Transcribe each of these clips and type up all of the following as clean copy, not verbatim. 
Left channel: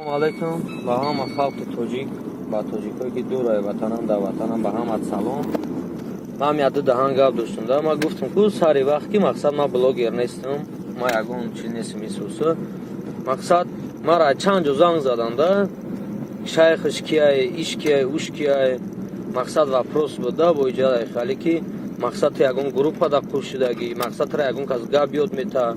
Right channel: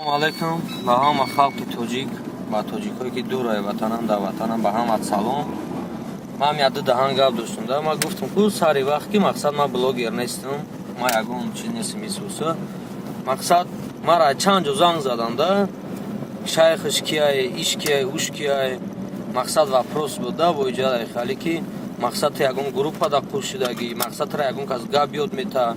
Assalomu alaykum. Ба ҳама халқи тоҷик, ба тоҷикое ки дурай ватанам да ватанам, ба ҳама салом. Ман яду даҳан гап доштам да. Ман гуфтам ку сари вақт ки мақсад ман блогер нестам. Ман ягон чиз нестам исуса. Мақсад мара чанд ҷо занг задам да. Шайхиш кияй, иш кияй, уш кияй. Мақсад вопрос буд да бо иҷодаи хали ки мақсад ту ягон группа да қур шудагӣ, мақсад тра ягон кас гап ёд мета,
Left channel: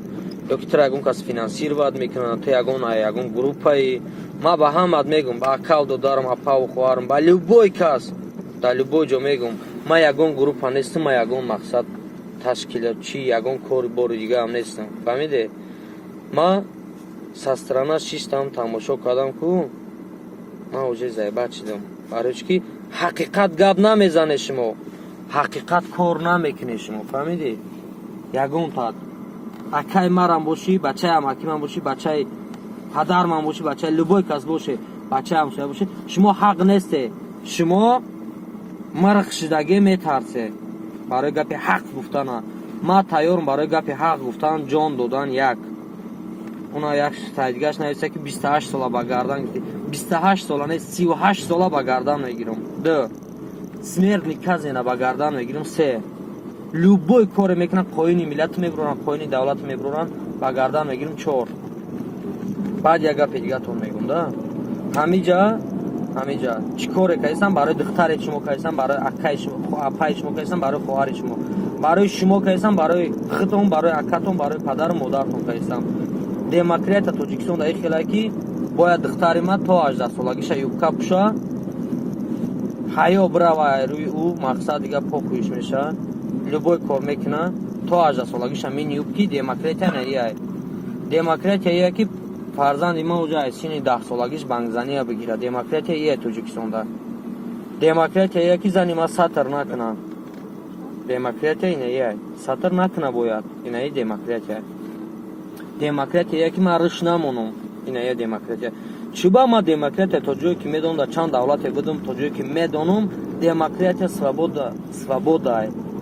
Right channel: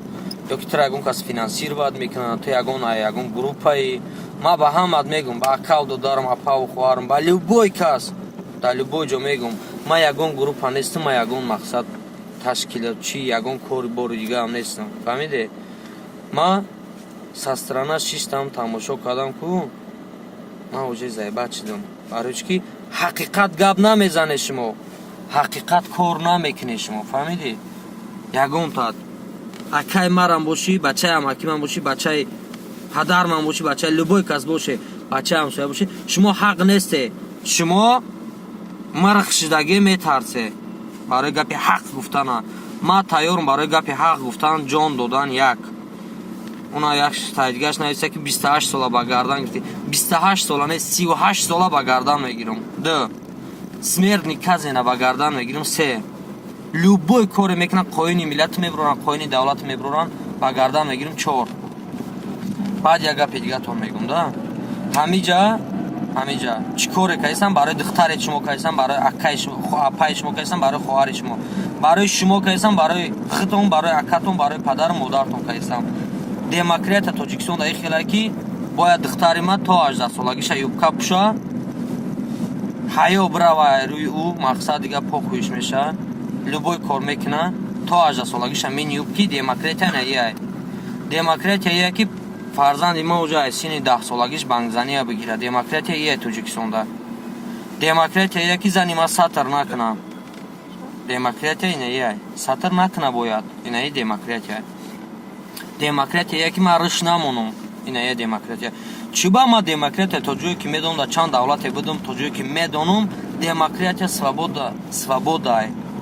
ё ки тра ягон кас финансировад мекунад, ту ягон группаи. Ма ба ҳамат мегум, ба аккаунто дарам, апаву хоҳарам, ба любой кас, дар любой ҷо мегум. Ма ягон группа нестам, ма ягон мақсад ташкилотчӣ, ягон кори бори дигаам нестам. Фаҳмиде? Ма са страна шиштам, тамошо кардам ку ман уже заебат шудам. Барои чӣ ки ҳақиқат гап намезанед шумо, ҳақиқат кор намекунед шумо. Фаҳмиде? Ягон тат акай марам бошӣ, бачаи амаки ман бошӣ, бачаи падар ман бошӣ, бачаи любой кас боше, бачаи ҳамсоя бошӣ, шумо ҳақ несте. Шумо марх шудагӣ метарсе барои гапи ҳақ гуфтана. Ман тайёрам барои гапи ҳақ гуфтан ҷон додан. Як уна як тайдгаш нависта ки 28 сола ба гардан гирифти. 28 сола не, 38 сола ба гардан мегирам. 2 смертни казина ба гардан мегирам. 3 любой коре мекунам, қоини миллат мебурам, қоини давлат мебурам, ба гардан мегирам. 4 баъд як гапи дигатон мегум да. ҳамиҷа чӣ коре кайсам барои духтаре шумо кайсам, барои акаи шумо, апаи шумо кайсам, барои хоҳари шумо, барои шумо кайсам, барои хитон, барои акатон, барои падару модартон кайсам. Демократия Тоҷикистон дар хелае ки бояд духтари ман то 18 солагиша юбка пӯша, ҳаё бирава рӯи ӯ, мақсад дига похӯиш меша, любой кор мекуна, то 18 солагиша мини юбки. Демократия не яй. Демократия яй ки фарзанди ман уҷа аз сини 10 солагиш бангзания бигира. Демократия яй Тоҷикистонда. Демократия яй ки зани ман сатр накуна. Демократия не яй. Сатр накуна бояд. Ина яй демократия. Демократия яй ки ман рӯш намонам. Ина яй демократия. Чуба ман демократия то ҷое ки медонам, дар чанд давлате будам, то ҷое ки медонам, демократия свобода.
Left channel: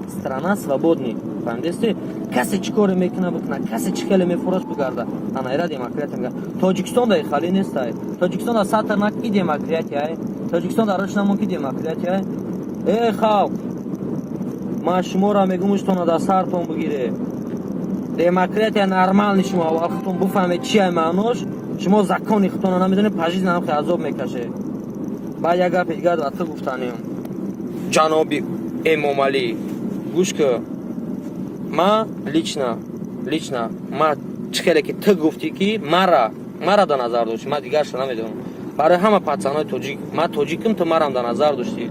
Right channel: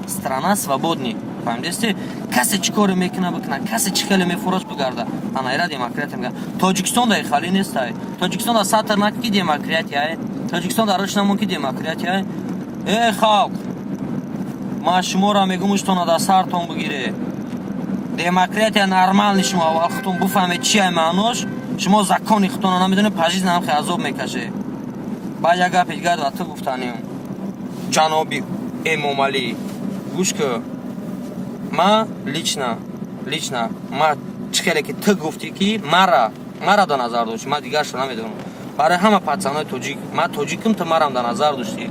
Страна свободни. Фаҳмидесте? Касе чӣ коре мекуна бикуна, касе чӣ хеле мефурӯш бигарда. Анайра демократия мегӯяд. Тоҷикистон дар хали нестай. Тоҷикистон дар сатр накун ки демократия. Тоҷикистон дар рӯш намон ки демократия. Халқ, ман шуморо мегӯм уштона дар сартон бигире. Демократия нормални шумо аввал худтон буфаҳмед чия маънош. Шумо закони худтонро намедонед, пажиз намхе азоб мекашед. Баъд як гапи дигар ва ту гуфтанем. Ҷаноби Эмомалӣ, гӯш кӯ. Ман лично ман чӣ хеле ки ту гуфтӣ ки мара до назар дошти, ман дигаршо намедонам. Барои ҳама пацанои тоҷик, ман тоҷикам, ту марам до назар дошти.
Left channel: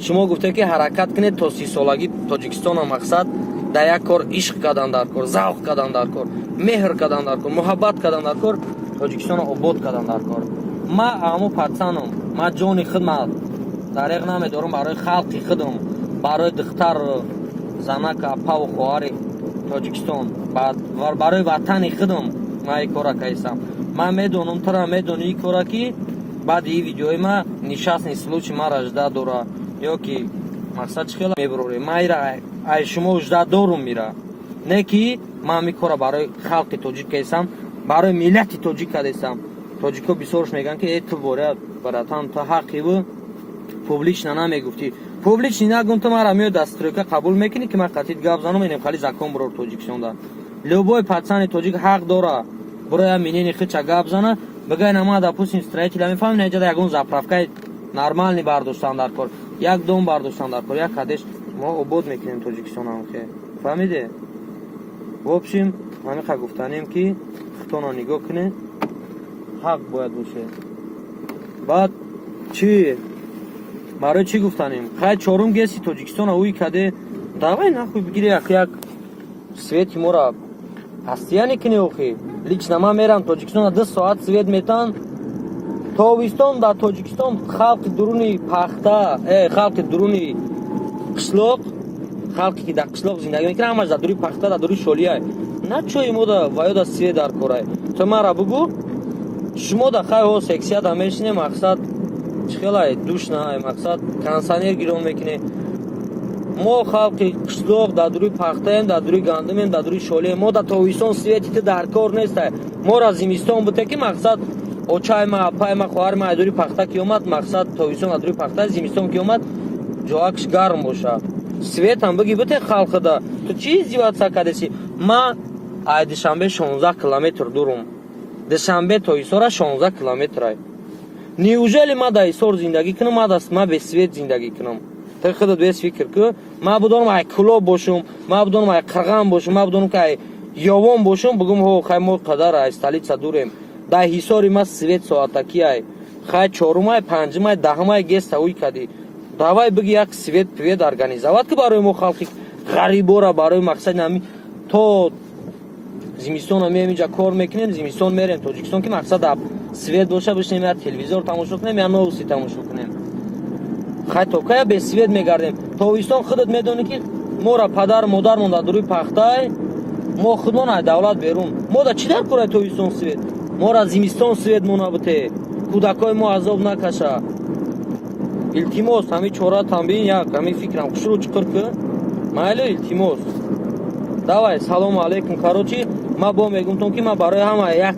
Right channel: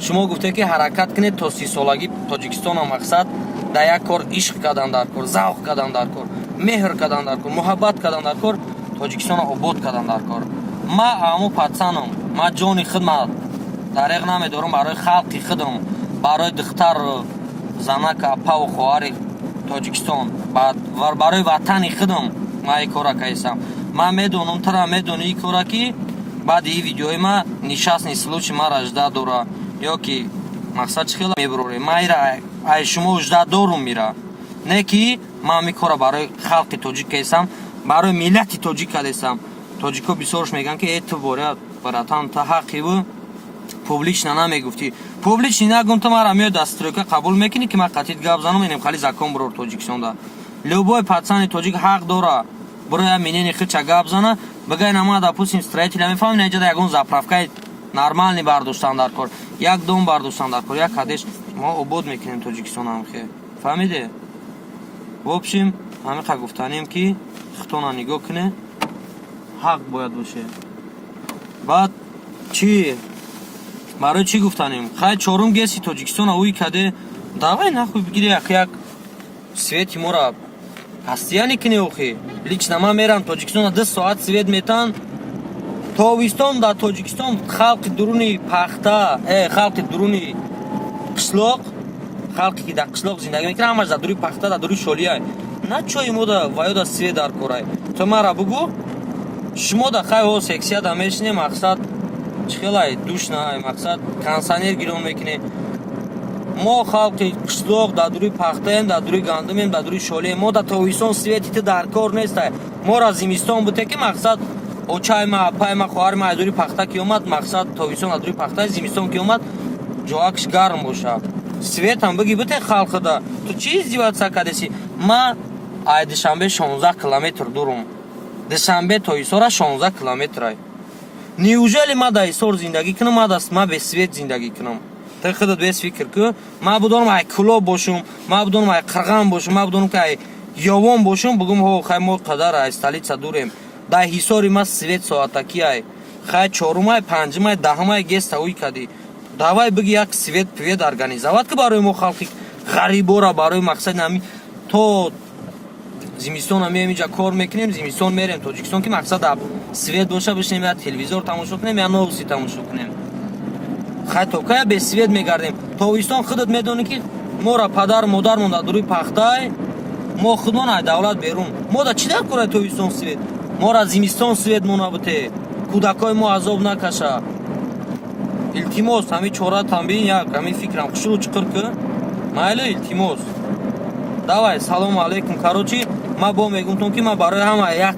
Шумо гуфте ки ҳаракат кунед то 30 солагӣ Тоҷикистона мақсад дар як кор ишқ кадан дар кор, завқ кадан дар кор, меҳр кадан дар кор, муҳаббат кадан дар кор, Тоҷикистона обод кадан дар кор. Ман аму пацанам, ман ҷони худмат дареғ намедорам барои халқи худам, барои духтару занака, апаву хоҳари Тоҷикистон, барои ватани худам ман ин кора кайсам. Ман медонам, тара медони ин кора ки баъди ин видеои ман нишастни случай мара жда дора, ё ки мақсад чӣ хела мебурорем. Ман ира ай шумо жда дорум мира. Не ки ман ин кора барои халқи тоҷик кайсам, барои миллати тоҷик кадесам. Тоҷико бисёрш мегӯян ки ту боря братан, ту ҳаққи бу публично намегуфтӣ. Публично нагум, ту мара меои дастройка қабул мекунӣ ки ман қатъи гап занам, инем хали закон бурор Тоҷикистонда. Любой пацани тоҷик ҳақ дора бироя минини хича гап зана, бигай нама допустим строителя мефаҳмӣ, наҷада ягон заправкаи нормални бардоштан дар кор, як дом бардоштан дар кор, як кадеш мо обод мекунем Тоҷикистонам хе. Фаҳмиде? В общем, ҳамиқа гуфтанем ки худтона нигоҳ куне, ҳақ бояд боше. Баъд чӣ? Барои чӣ гуфтанем? Хай чорум геси Тоҷикистона уи каде давай нахуй бигири як свети мора ҳастияни куни охи. Лично ман мерам Тоҷикистона 2 соат свет метан. Тобистон дар Тоҷикистон халқи дуруни пахта, халқи дуруни қишлоқ, халқи ки дар қишлоқ зиндагӣ мекунад, ҳамаш дар дуруи пахта, дар дуруи шолияй. На чои мода ваёда свет дар корай. Ту мара бугу, шумо да хай ҳо сексия да мешине, мақсад чхелай душнай, мақсад кондиционер гирон мекуне. Мо халқи қишлоқ дар дуруи пахтаем, дар дуруи гандумем, дар дуруи шолием. Мо дар тобистон свети ту дар кор нестай. Мо ра зимистон буде ки мақсад очай ма апай ма хоҳар ма адури пахта ки омад мақсад тобистон адури пахта зимистон ки омад ҷоакш гарм боша светам биги бите халқида ту чи издиватсия кардеси ма ай душанбе 16 километр дурум душанбе то исора 16 километрай неужели ма да исор зиндагӣ кунам ма без свет зиндагӣ кунам ты худат без фикр ку ма будонам ай кулоб бошум ма будонам ай қирған бошум ма будонам ки ай ёвон бошум бугум ҳо хай мо қадар ай столица дурем дар ҳисори ма свет соатаки ай хай чорумай панҷумай даҳумай геста уй кади давай биги як свет пвед организоват ки барои мо халқи ғарибора барои мақсади ҳами то зимистона меем инҷа кор мекунем зимистон мерем тоҷикистон ки мақсад свет боша бишнем я телевизор тамошо кунем я новуси тамошо кунем хай то кая без свет мегардем тобистон худат медонӣ ки мора падар модар монда дуруи пахтай мо худмон ай давлат берун мо да чӣ дар кораи тобистон свет мора зимистон свет монабуте кӯдакои мо азоб накаша илтимос ҳами чора тамбин як ҳами фикрам хушру чуқур ку майло илтимос давай салому алайкум карочи ма бо мегумтон ки ма барои ҳама як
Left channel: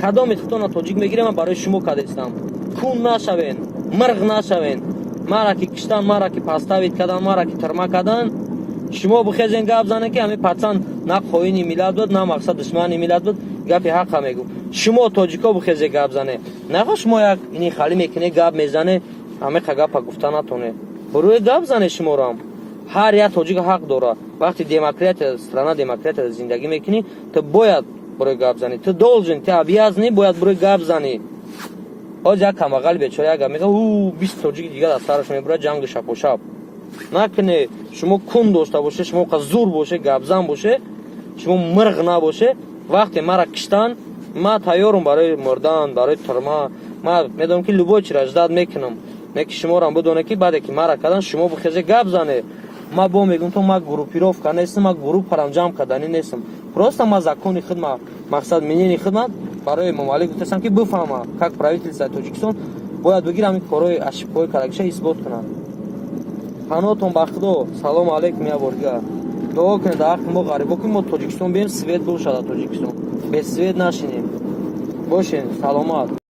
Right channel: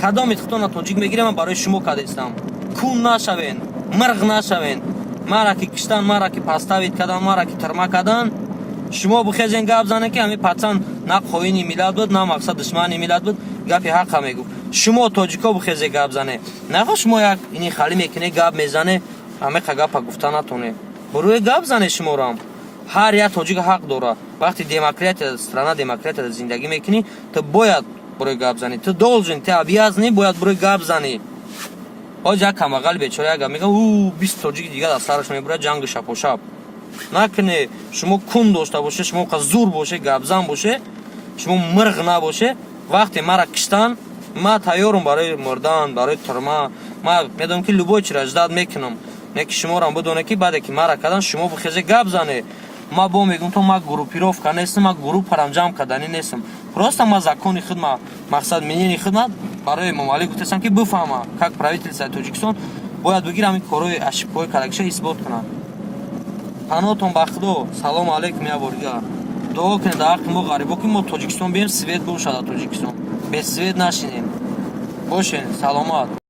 кадоми хитона тоҷик мегирам ма барои шумо кадестам кун нашавен мирғ нашавен мара ки киштан мара ки паставид кадан мара ки тирма кадан шумо бихезен гап зане ки ҳами пацан на хоини миллат буд на мақсад душмани миллат буд гапи ҳақqa мегуфт шумо тоҷико бихезе гап зане нахо шумо як ини хали мекуне гап мезане ҳамеқа гапа гуфта натоне бурӯе гап зане шуморам ҳар як тоҷик ҳақ дора вақти демократия страна демократияда зиндагӣ мекунӣ ту бояд бурӯи гап занӣ ту должен ту обязанӣ бояд бурӯи гап занӣ ҳоҷ як камбағали бечора як гап мегӯяд 20 тоҷики дигар аз сараш мебурад ҷанги шапошап накуне шумо кун дошта боше шумо қа зур боше гапзан боше шумо мирғ набоше вақте мара киштан ма тайёрам барои мурдан барои турма ма медонам ки любой чиро ждат мекунам не ки шуморам бидоне ки баъде ки мара кадан шумо бихезе гап зане ма бо мегум то ма группировка нестам ма группарам ҷамъ кардани нестам просто ма закони худ ма мақсад мнени худмат барои мамалик гуфтастам ки бифаҳма как правительствои тоҷикистон бояд бигирам ин корои ошибкаҳои кардагиша исбот кунад паноҳтон ба худо салому алайкум яборгиҳа дуо кунед дар ҳаққи мо ғарибо ки мо тоҷикистон бием свет бошад дар тоҷикистон без свет нашинем бошед саломат.